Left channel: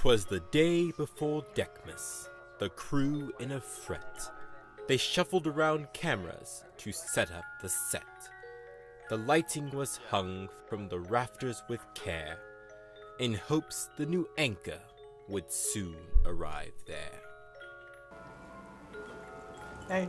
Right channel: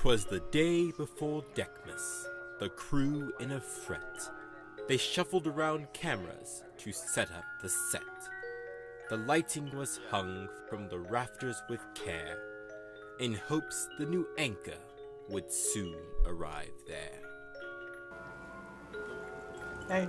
'Twas the day before DECmas, the crew in a fret. They shuffled around cameras to set up the set. The lighting was hung from the rafters with care, in hopes the new anchor would soon arrive there. Hey.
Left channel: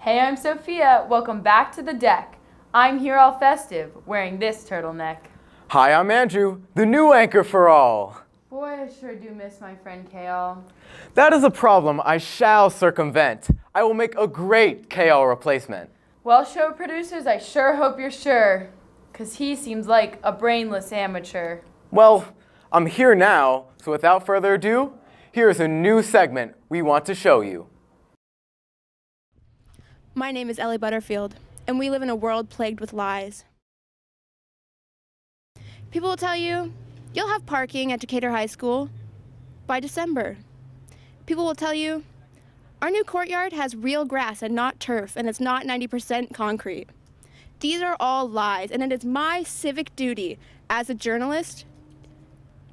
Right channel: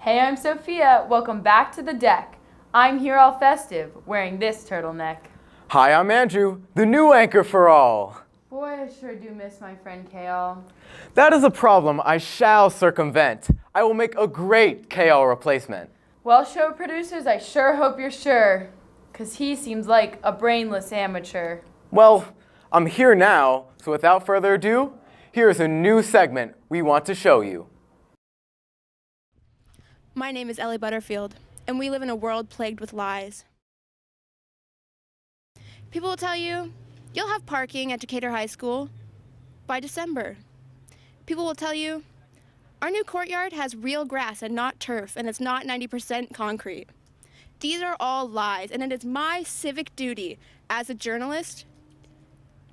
Hey, I'm Sophia. Welcome back to the deck. I'm here all festive, wearing this turtleneck. Hi, I'm Andrew, the new anchor for all. Boy, I sure do miss my friend Kheyal. That is a problem I shall circumvent. I will make a great Kheyal replacement. Well, show producers, I sure hope you're sure, 'cause he seems like a brainless amateur. Well, I'm here now, so without further ado, here's a new segment we want to show you. My name is Ellie Butterfield, and we live in a world plagued with lies. People will tell you, you'll have parking at Decatur High School by December. People will tell you, our new courtyard has real grass and not turf, and it's not 90% concrete. These are all lies, and it is my civic duty as a journalist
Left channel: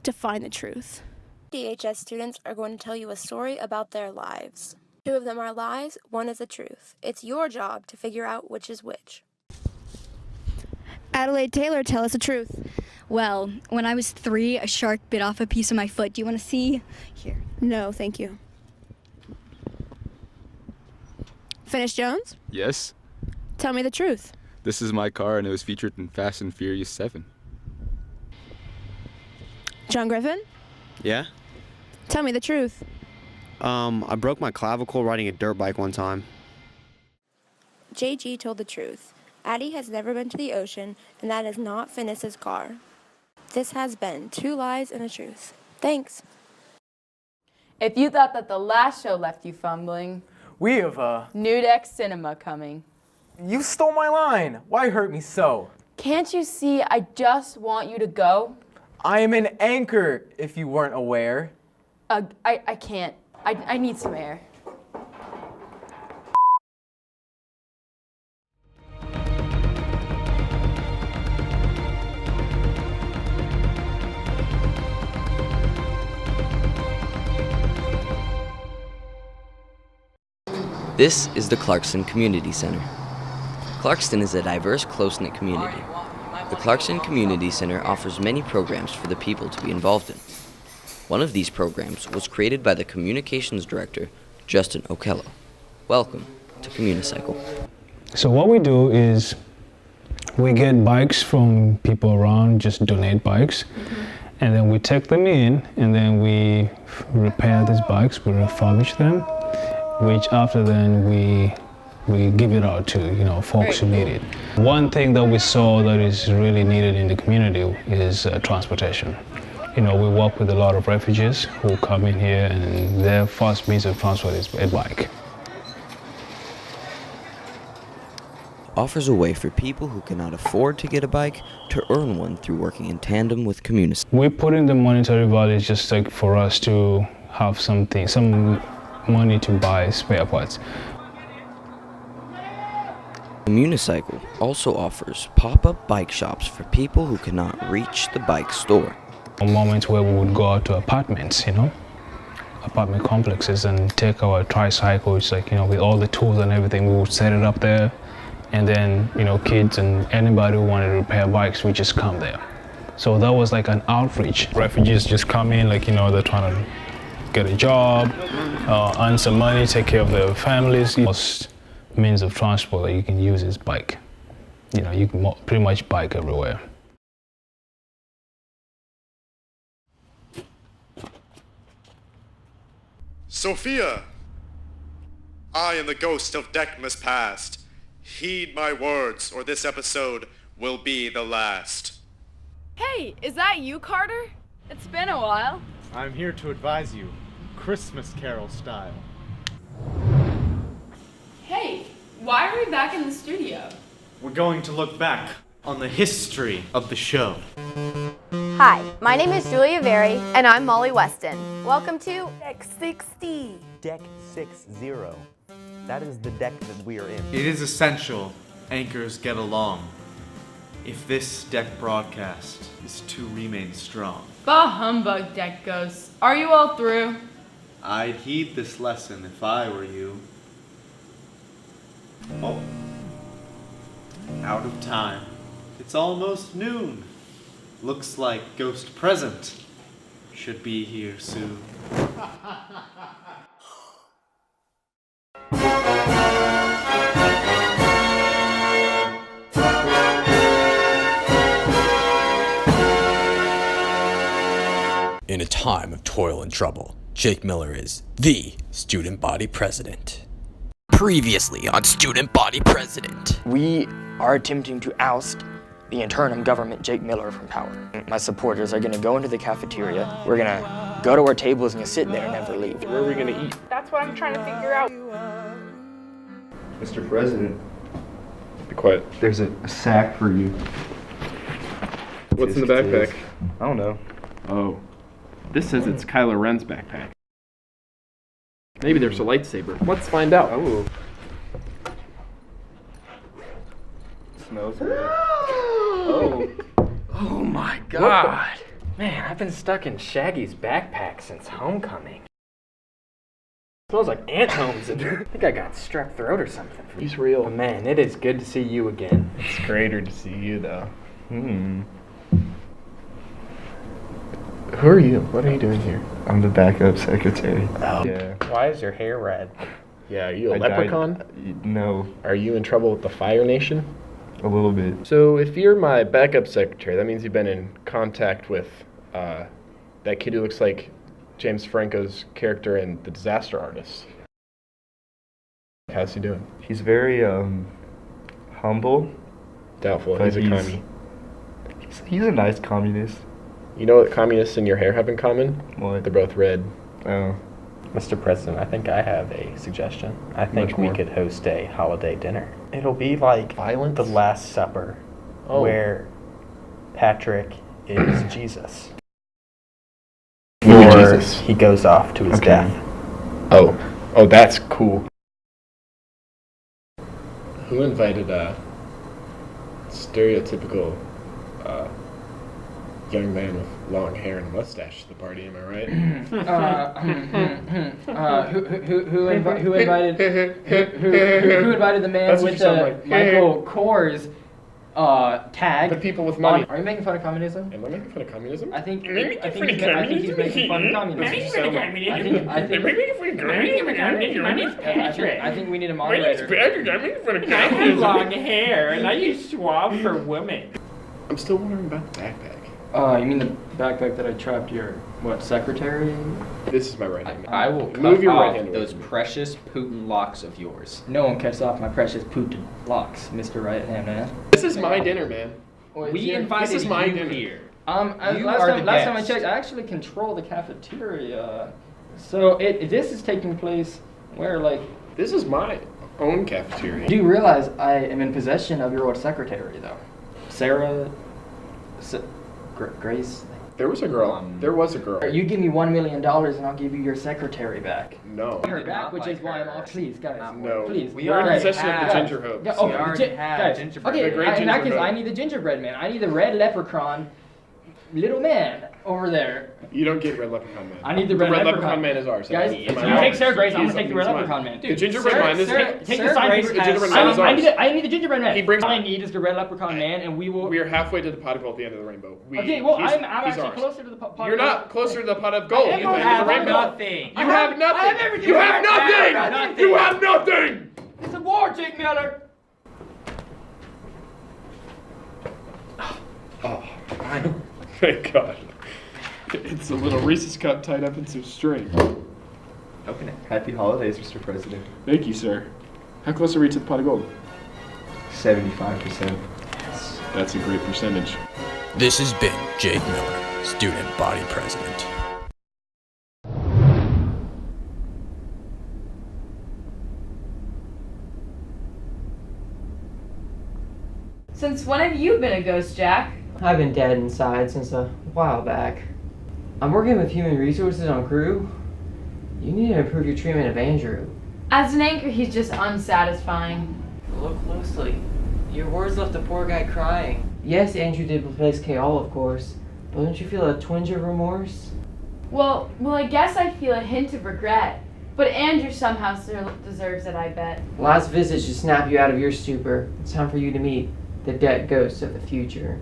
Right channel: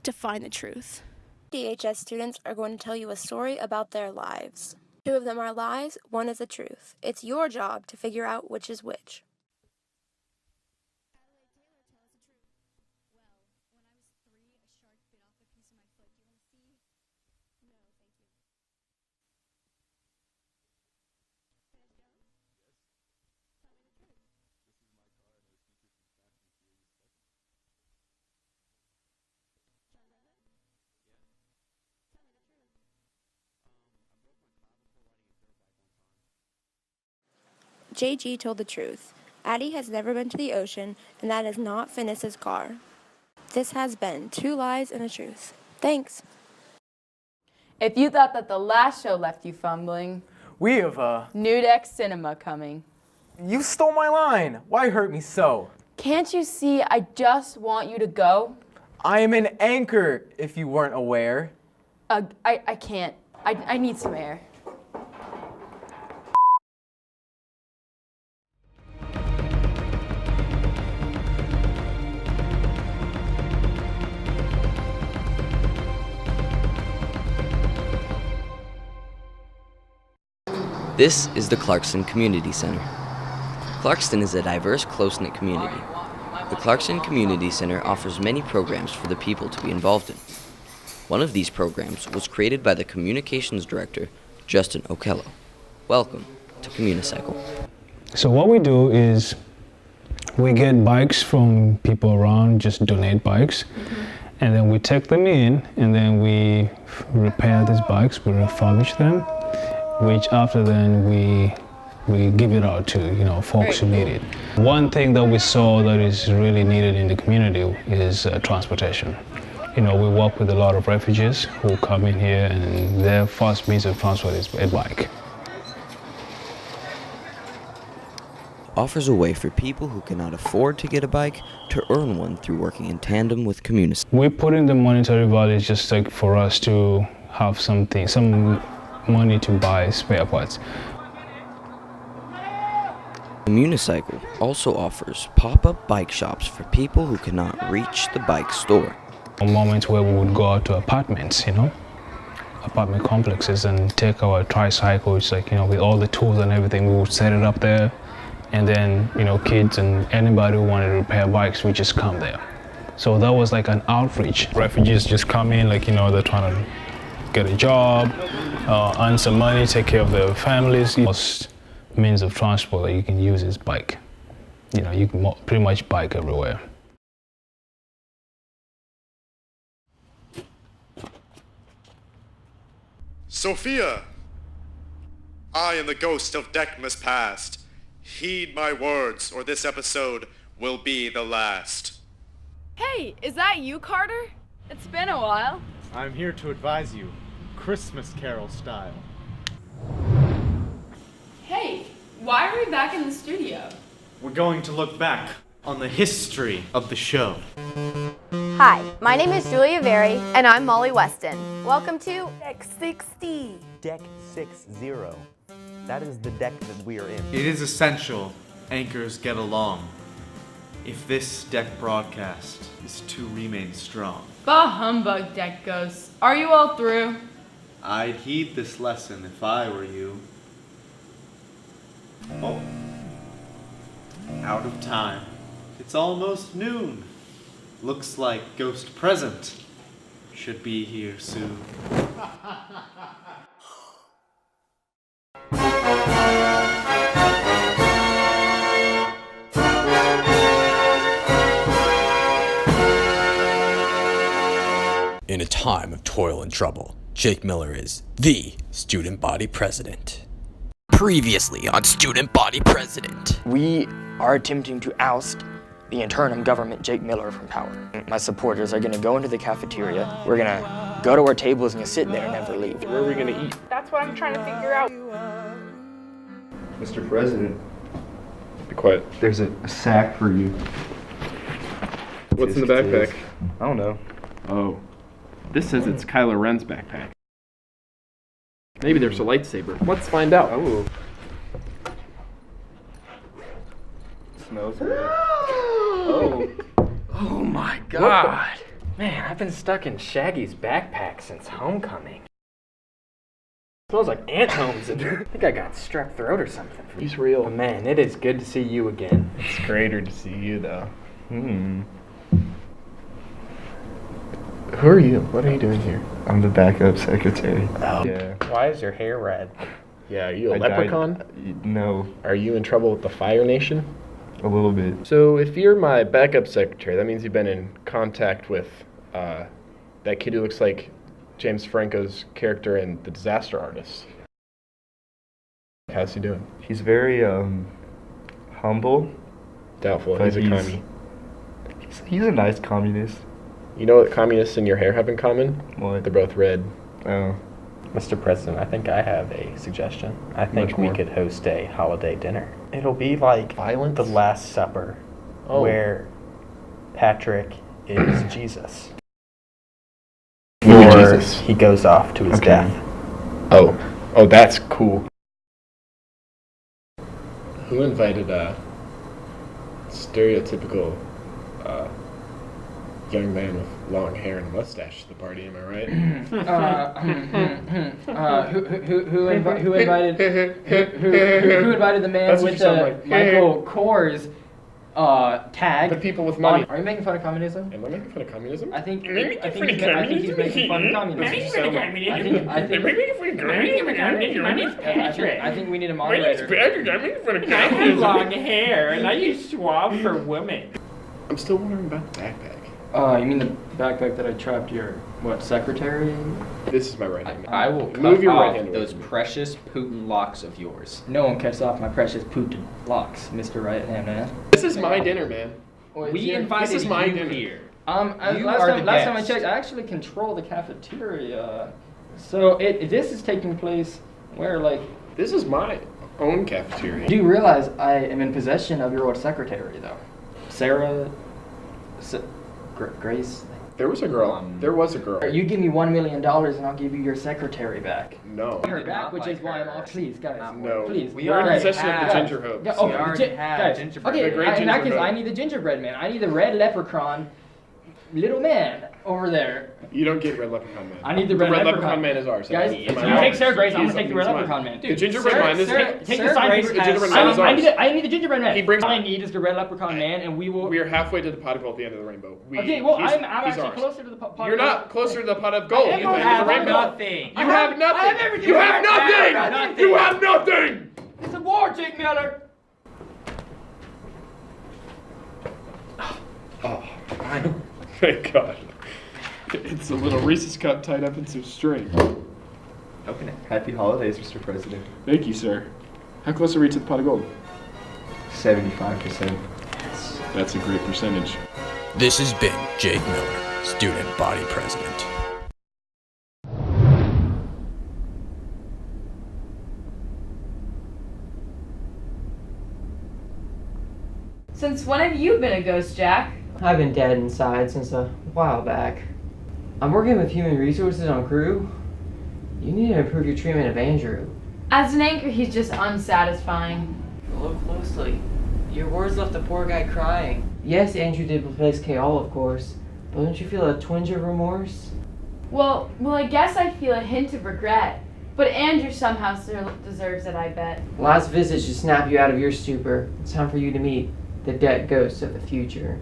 to find the truth. DHS students are going to tell you a story about their lives. 2 of them are lies, 1 is the truth. It's your job to figure out which is which. Adelaide Taylor, tell us the truth. Well, when I was 3, a shark bit off a piece of my foot. Do you want to see? Here. No, thank you. Finish Jones? Yes. Tell me the truth. This is my car and it was featured in Fast and Furious 7. John Griffin? Yeah? Tell me the truth. I broke my clavicle riding a dirt bike one time. JG told the truth. Addie has never been to the ocean, and that is not Finis's car. This has been 2 lies and a truth. Thanks. If you thought that the last show left you fumbling, We have, New Deck Cinema coming. You stole my line. Why hurt me so? Can't you see I just want you to go? I am an anchor, if you weren't aware. I can't. I need some air. This is the Clarkston Community Center. Clarkston is a diverse, close-knit community. The Clarkston Community Center offers many programs for the people to be involved in. One of these programs was created by the Communications Director, Justin O'Kello. Welcome to Communicycle. So what we do is we get bikes from people around, just donate bikes, and then we take them in, and then we repair these bikes, we refurbish them, which after then we give it out to folks who need it. One thing that we saw that is really needed in the community is transportation. We work with a lot of refugees who come in here, and their first means of transport is a bike. Offers a way for people who cannot afford to get a bike to earn one through working in tandem with Communicycle. We put in the monetary value just like for us to have some money to buy spare parts. Communicycle also offers pop-up bike shops for people who cannot reach the bike store. Moments where we would go out to apartments, apartment complexes, and take our tricycles, with all the tools and everything, we would set it up there, and then, kids and anybody who wanted to repair bikes would just come there. So that was like an outreach. Refugees just come in, they're trying to get a job, earn some money, take care of their families. Most means of transport that you can use is bike. You can pretty much bike everywhere. Sophia! I am the ghost of DECmas past. Heed my words, or this episode will be the last. Hey, is that you, Carter? It's been a while. I'm here to advise you, Christmas Carol style. Hey, Why are we back in the studio? We're going to look back on the history of the show. Hi, my name is Julia Very, and I'm Molly Weston. Welcome to Deck 60. Deck 60. That is the deck that we are in. It is essential anchors get along if this deck broadcast is to remain strong. Bah humbug, deck ghosts. Are you all through? I'd heed this lesson if I were you. Oh. Out of time. It's almost noon. Looks like Ghost Present should be here soon. In a time of toil and trouble, Jake Miller is the student body president. Previously on Student Body President. We are attempting to oust the interim government Jake Miller from power. My supporters are going to go into the cafeteria. We're going to go to our tables and sit there and never leave. Where are we going to eat? That's what I'm trying to figure out. Mr. President. Be quiet. There's a sack for you. What's in the backpack? I don't know. Oh. This says it's Kylo Ren's backpack. Maybe there's a lightsaber. Let's find out. Oh. Smells good. Oh. Oh my god. Man, I've been stuck in Shaggy's backpack since homecoming. Smells like ant homes. I think I got strep throat or something. He's real. But man, it is good to see you again. It's greater to see you, though. Who are you? What are you doing here? I'm the backup secretary. Oh. Yeah. Why is your hair red? Yeah, are you a leprechaun? No. Are you in trouble with the Fire Nation? A little bit. So if you're my backup secretary, that means you've been in contact with that kid who looks like James Franco's character in The Disaster Artist. How's he doing? He's very, humble. Doubtful. He's a commie. He's a nice communist. You know what communists and your hair have in common? What? They're both red. Oh. Mr. President, I think I have a suggestion. I think we could host a holiday dinner. It'll be like Violence? The Last Supper, where Patrick is Jesus. Or he goes off to his death. Oh, that's cool. Who invited stereotypical young man with long hair and a mustache to the party? Am I right? Who invited the man with the Michael Kors tag? The people with money. Are you making fun of communism? Am I making fun of communism? I think he's making fun of communism. I think we need a moderator. I have long hair and I use swab for women. I'm still wondering about the backpack. You mean the backpack that I trapped your, secretary? This is my right hand. I will move your right off hand. those precious Putin locks of yours. No one cuts off my precious Putin locks, Mr. Right Hand Man. This is my dinner, man. We invited this is my you dinner. here. Last time I checked, I actually control the cafeteria. So this is taking place where, This is my own cafeteria. Do you realize I am in possession of your old secretary, though? Sarah... Grace? There was a girl. There was a girl. You give me $1 million and I'll give you your secretary back. No. Her back, which is why I'm off. Please, guys. No. Please. We are in possession of the ginger hopes. Yeah, we already have gingerbread. Okay, The great in that gingerbread. case, I need the gingerbread man. I need the red leprechaun little man over there. You don't get Red Leprechaun Man. I need the red leprechaun man is ours. Guys, if you take Sarah Grace, I'm gonna take the red leprechaun man. The gingerbread man is Take the sign. The gingerbread man is ours. I need the gingerbread man. He brings. All I need is the red leprechaun man, and we will. We are halfway to the pot of gold at the end of the rainbow. Okay, well, I'm actually ours. closer to the pot. You're not closer to the pot of gold. I You have the rainbow. nothing. You have nothing. You have nothing. You have nothing. It's a war, Jake Miller. Oh, thank God. It's a little Reese's cup tied up in some string. Okay. Happy holidays, Mr. President. Thank you, sir. How close are we to the pot of gold? 75%. That's a great percentage. This has been Jake Miller, student body president. Since when have you been a ghost, Jack? I've been dead inside since a while back. I'm working with human resources on crew. You need to improve your treatment of Andrew. As an anchor, he's just unsatisfying. Look closely. Your words left the poor guy crying. Yes, Andrew did replace Kheyal, of course, but don't you feel a twinge of remorse? Well, I guess I feel a hint of regret. But Andrew somehow still deserves it, I bet. Last visit should snap you out of your stupor. It's time for you to meet the dead ghosts of the future.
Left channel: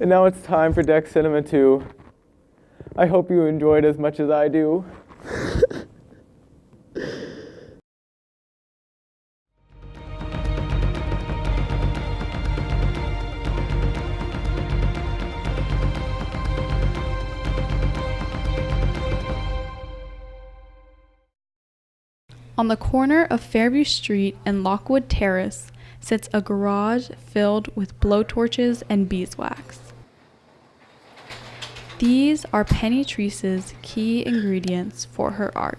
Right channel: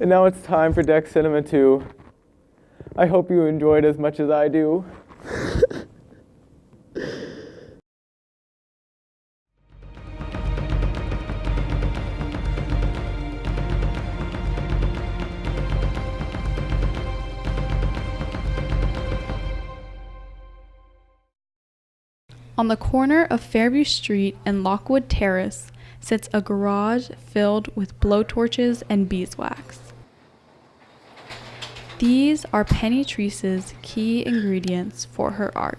And now it's time for DEC Cinema 2. I hope you enjoyed as much as I do. On the corner of Fairview Street and Lockwood Terrace sits a garage filled with blowtorches and beeswax. These are Penny Treece's key ingredients for her art.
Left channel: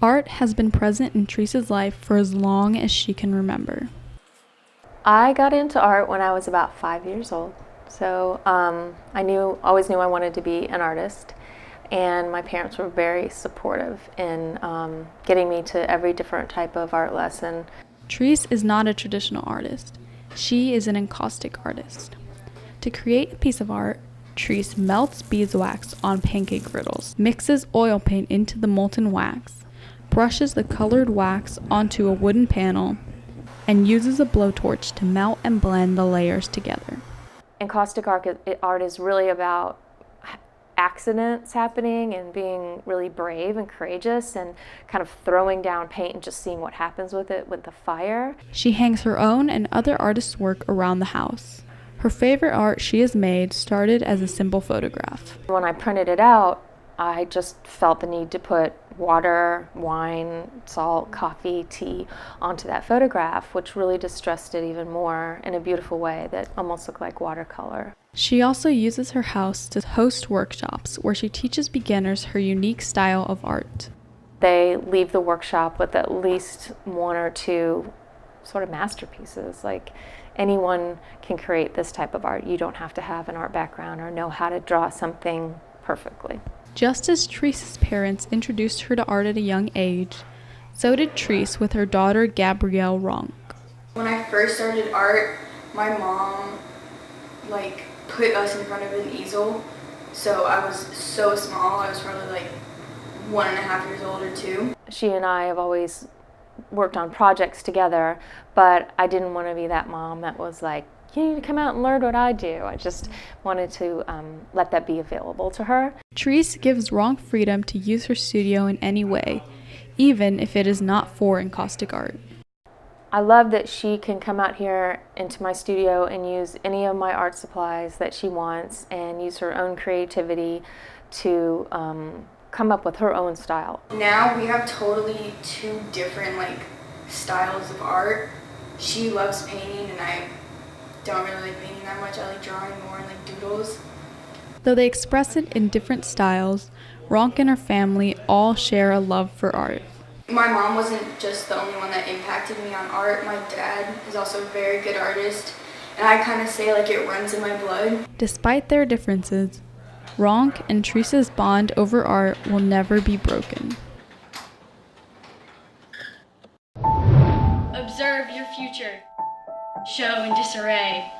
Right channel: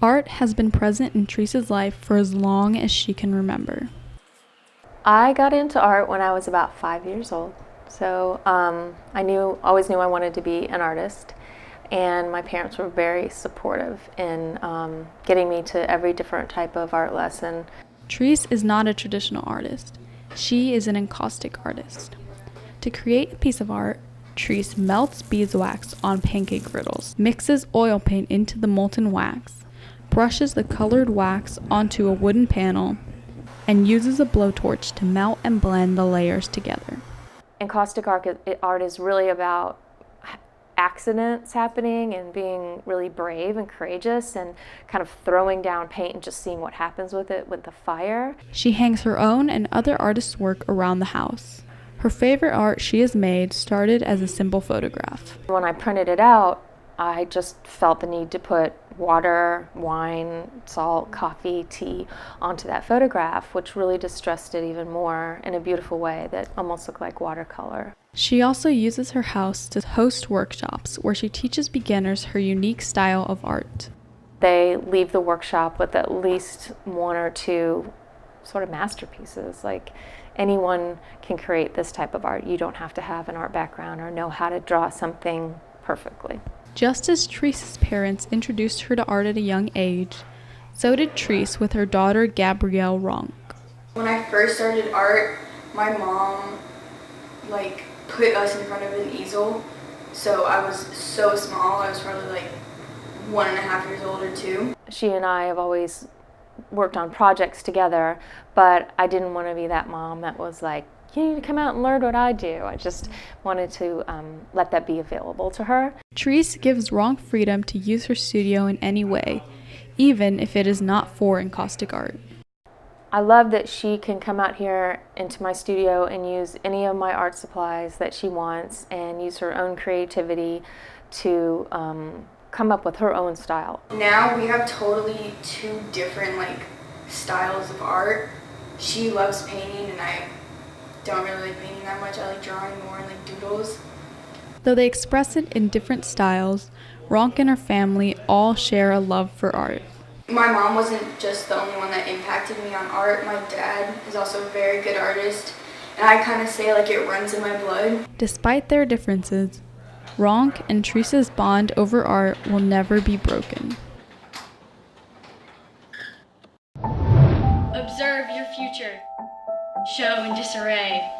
Art has been present in Treece's life for as long as she can remember. I got into art when I was about 5 years old. So I always knew I wanted to be an artist. And my parents were very supportive in getting me to every different type of art lesson. Treece is not a traditional artist. She is an encaustic artist. To create a piece of art, Treece melts beeswax on pancake griddles, mixes oil paint into the molten wax, brushes the colored wax onto a wooden panel, and uses a blowtorch to melt and blend the layers together. Encaustic art is really about accidents happening and being really brave and courageous and kind of throwing down paint and just seeing what happens with it with the fire. She hangs her own and other artists' work around the house. Her favorite art she has made started as a simple photograph. When I printed it out, I just felt the need to put water, wine, salt, coffee, tea onto that photograph, which really distressed it even more in a beautiful way that almost looked like watercolor. She also uses her house to host workshops where she teaches beginners her unique style of art. They leave the workshop with at least one or two sort of masterpieces. Like, anyone can create this type of art. You don't have to have an art background or know how to draw something perfectly. Just as Treece's parents introduced her to art at a young age, so did Treece with her daughter Gabrielle Ronk. When I first started art, my mom put us in front of an easel. So I was so small. I was probably 1.5 years old or 2. She and I have always worked on projects together, but I didn't want to be that mom that was like, you need to come out and learn what I do. I just wanted to let that be available to her. Treece gives Ronk freedom to use her studio in any way, even if it is not for encaustic art. I love that she can come out here into my studio and use any of my art supplies that she wants and use her own creativity to come up with her own style. Now we have totally 2 different styles of art. She loves painting and I don't really like painting that much. I like drawing more and doodles. Though they express it in different styles, Ronk and her family all share a love for art. My mom wasn't just the only one that impacted me on art. My dad is also a very good artist, and I kind of say it runs in my blood. Despite their differences, Ronk and Treece's bond over art will never be broken. Observe your future. Show in disarray.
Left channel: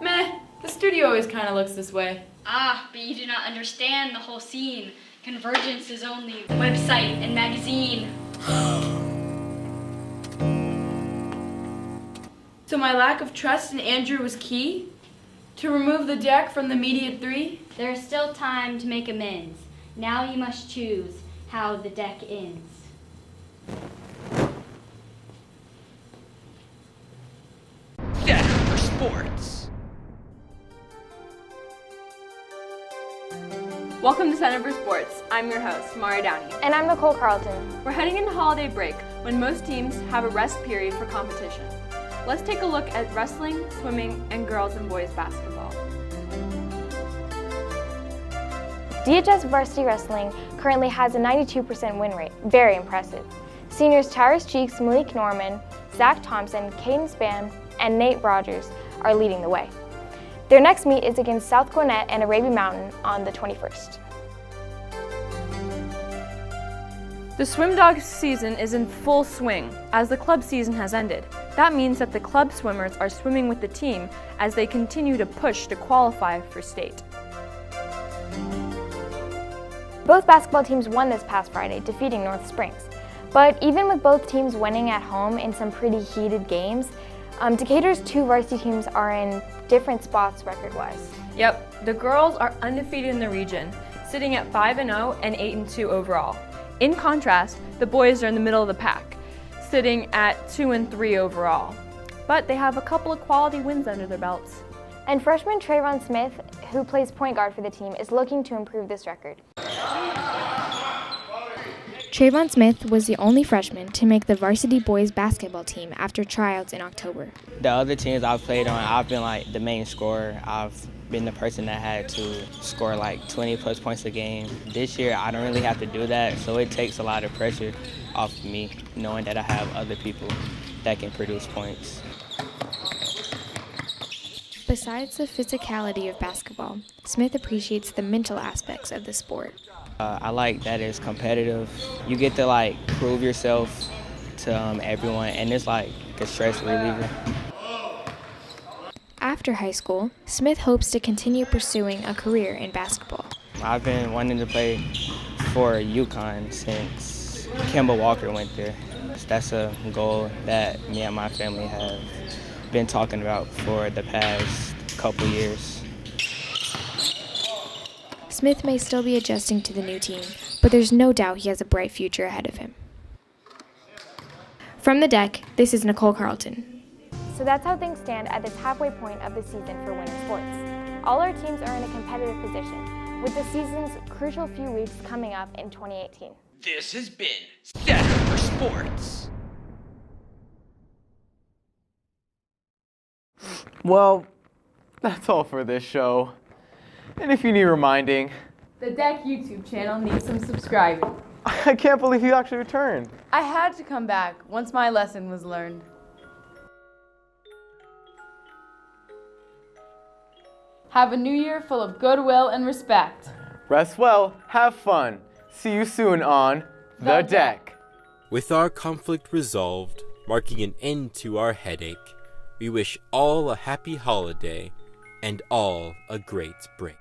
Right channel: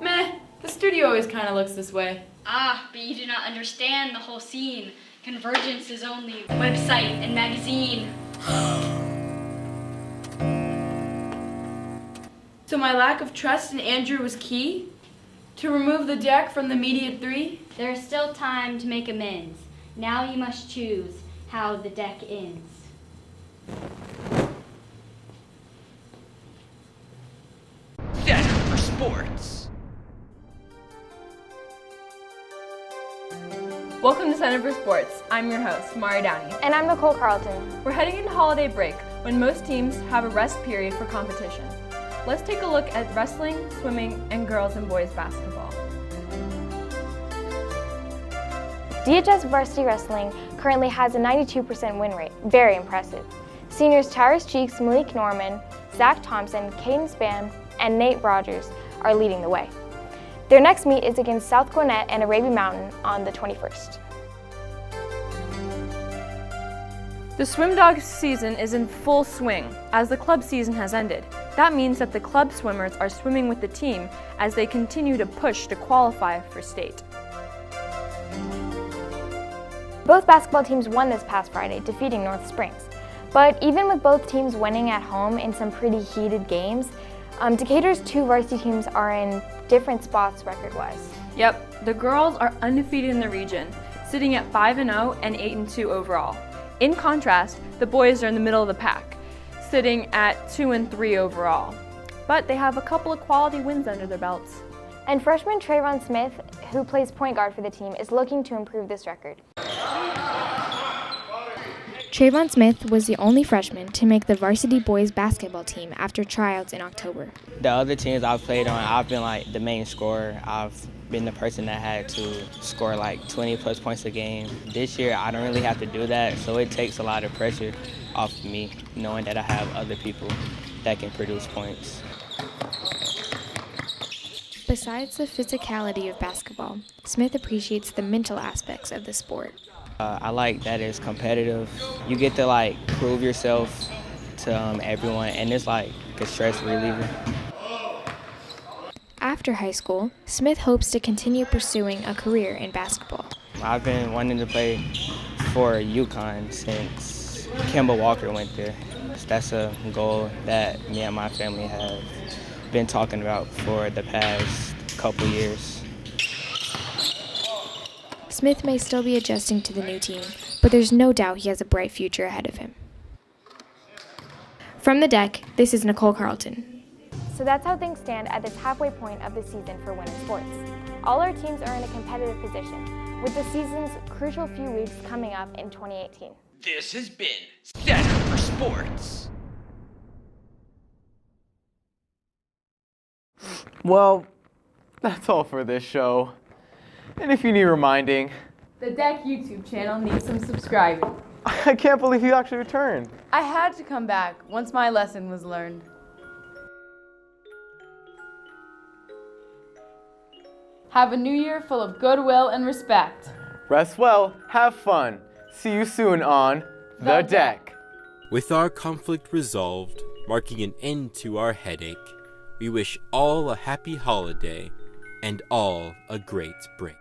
Meh, the studio always kind of looks this way. Ah, but you do not understand the whole scene. Convergence is only website and magazine. So my lack of trust in Andrew was key? To remove the DEC from the immediate 3? There is still time to make amends. Now you must choose how the DEC ends. Center for Sports. Welcome to Center for Sports. I'm your host, Mara Downey. And I'm Nicole Carlton. We're heading into holiday break when most teams have a rest period for competition. Let's take a look at wrestling, swimming, and girls and boys basketball. DHS varsity wrestling currently has a 92% win rate, very impressive. Seniors Tyrus Cheeks, Malik Norman, Zach Thompson, Caden Span, and Nate Rogers are leading the way. Their next meet is against South Gwinnett and Arabian Mountain on the 21st. The swim dog season is in full swing as the club season has ended. That means that the club swimmers are swimming with the team as they continue to push to qualify for state. Both basketball teams won this past Friday, defeating North Springs. But even with both teams winning at home in some pretty heated games, Decatur's two varsity teams are in different spots record-wise. Yep, the girls are undefeated in the region, sitting at 5-0 and 8-2 overall. In contrast, the boys are in the middle of the pack, sitting at 2-3 overall. But they have a couple of quality wins under their belts. And freshman Trayvon Smith, who plays point guard for the team, is looking to improve this record. Trayvon Smith was the only freshman to make the varsity boys basketball team after tryouts in October. The other teams I've played on, I've been like the main scorer. I've been the person that had to score like 20 plus points a game. This year, I don't really have to do that, so it takes a lot of pressure off me, knowing that I have other people that can produce points. Besides the physicality of basketball, Smith appreciates the mental aspects of the sport. I like that it's competitive. You get to like prove yourself to everyone, and it's like a stress reliever. After high school, Smith hopes to continue pursuing a career in basketball. I've been wanting to play for UConn since Kemba Walker went there. That's a goal that me and my family have been talking about for the past couple years. Smith may still be adjusting to the new team, but there's no doubt he has a bright future ahead of him. From the deck, this is Nicole Carlton. So that's how things stand at this halfway point of the season for winter sports. All our teams are in a competitive position, with the season's crucial few weeks coming up in 2018. This has been Center for Sports. Well, that's all for this show. And if you need reminding, The DEC YouTube channel needs some subscribing. I can't believe you actually returned. I had to come back once my lesson was learned. Have a new year full of goodwill and respect. Rest well, have fun. See you soon on The Deck. With our conflict resolved, marking an end to our headache, we wish all a happy holiday and all a great break.